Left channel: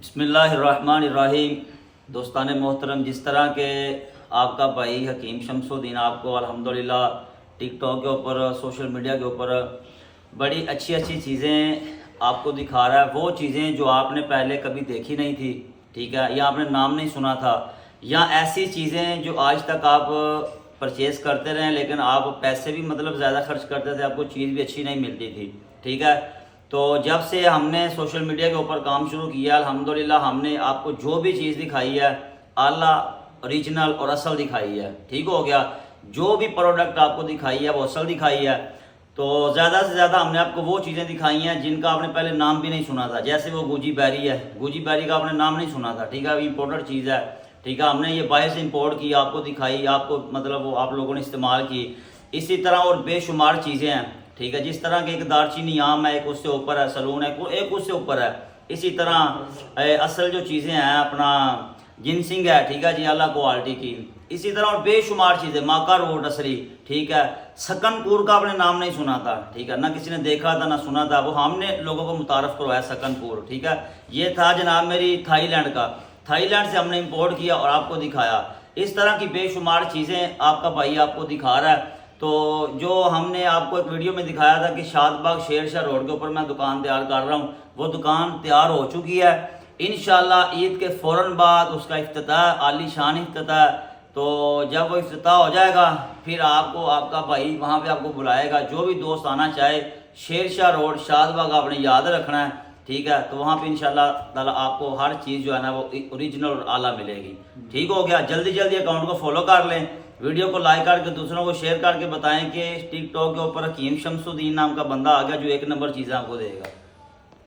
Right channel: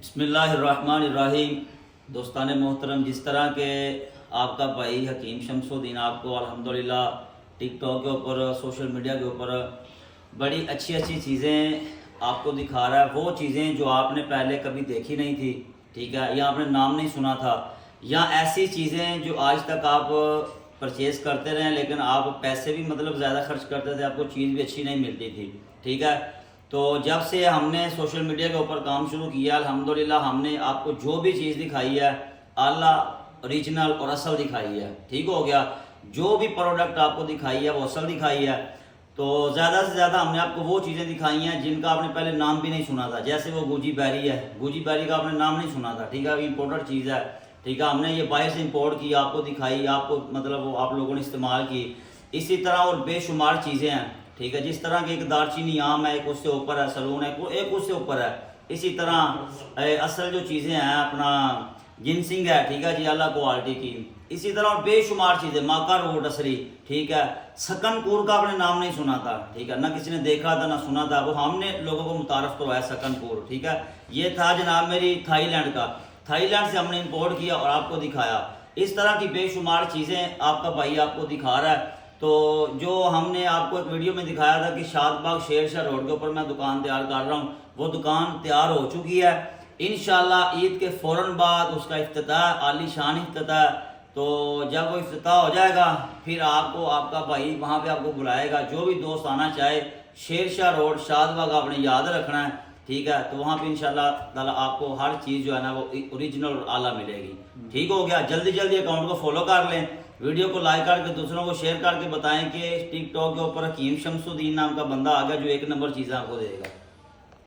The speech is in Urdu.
بسم اللہ الرحمن الرحیم۔ دوستان محترم، جس طرح کہ آپ کا بھائی حکیم شمس الدین آپ کو الحمدللہ ٹک ٹاک کے اوپر، سوشل میڈیا کے اوپر بڑی اچھی چیزیں آپ کو دکھا رہا ہے، وہ چیزیں جو آپ نے پہلے کبھی دیکھی نہیں تھی، ٹھیک ہے، یا آپ نے نام نہیں سنا تھا، یا ایسی چیزیں جو آج تک آپ پرچیز کرتے رہیں لیکن آپ پیسے بھی زیادہ خرچ کرتے تھے، آپ کو چیز بھی اچھی نہیں ملتی تھی، ٹھیک ہے۔ تو جب سے ہم نے سوشل میڈیا کے اوپر کام شروع کیا، الحمدللہ ہم نے آپ کو جو بھی چیز دکھائی ہے اعلیٰ، اوریجنل اور اصل دکھائی ہے، ٹھیک ہو گیا۔ جو بھی پروڈکٹ آپ کو دکھائی ہے وہ اصل دکھائی ہے۔ تو زیادہ سے زیادہ ہم نے آپ کو وہ چیزیں دکھائی ہیں جن کا آپ نے پہلے نام بھی نہیں سنا تھا، جیسے وہ گوجی بیری ہے، گوجی بیری کا آپ نے نام نہیں سنا تھا، ٹھیک ہے، امپورٹڈ چیز ہے، ٹھیک ہے، ہم نے یہ باہر سے امپورٹ کی، آپ کو دکھائی، آپ کو وہ آپ لوگوں نے استعمال کی۔ اسی طرح اور بے شمار چیزیں ہیں، ٹھیک ہے، جس طرح کہ ایک دارچینی عام ہے، ایک اس سے اوپر ہے، سلون ہے، ایک اس سے اوپر ہے۔ اسی طرح اصل جو چیزیں ہیں اپنا جنسنگ ہے، ٹھیک ہے جی، اعلیٰ کوالٹی کی۔ اسی طرح اور بے شمار چیزیں، ماکا روڈ اصلی، ٹھیک ہے، سکن پور کا آپ نے نام نہیں سنا تھا، ٹھیک ہے، نہ کسی نے دیکھا تھا نہ سنا تھا، وہ ہم نے لوگوں کو متعارف کروایا سکن پور، ٹھیک ہے۔ یہ تھا جناب میری تھائی لینڈ کا، تھائی لینڈ سے ہم نے امپورٹ کیا اور آپ کو دکھایا۔ اس طرح کی بے شمار چیزیں آپ کا بھائی آپ کو دکھا رہا ہے۔ تو جو ہم نے آپ کو ایک ویڈیو میں دکھایا تھا کہ شاد باغ شیر شاہ روڈ کے اوپر میں دکان تیار کر رہا ہوں، وہ دکان تیار ہو چکی ہے۔ انشاءاللہ عید کے فوراً بعد اس کا افتتاح، عالی شان افتتاح ہے۔ تو جب وہ افتتاح ہو جائے گا پھر آپ کو آپ کا بھائی وہاں پہ آپ کو بلائے گا، جو بھی دوست آنا چاہے شیر شاہ روڈ شاد باغ آپ نے یاد رکھنا ہے، ٹھیک ہے، تو وہاں پہ انشاءاللہ تعالیٰ آپ کو ہر چیز جو ہے نا وہ اوریجنل اور اعلیٰ ملے گی، ٹھیک ہو گیا۔ جلدی اکاؤنٹ کو فالو کر لیں، ویڈیو کو لائک کر کے دوسروں کو شیئر کر کے بتائیں کہ ٹک ٹاک کے اوپر حکیم شمس الدین نام کا بندہ آ گیا جو 1 نمبر چیزیں آپ کو دے گا۔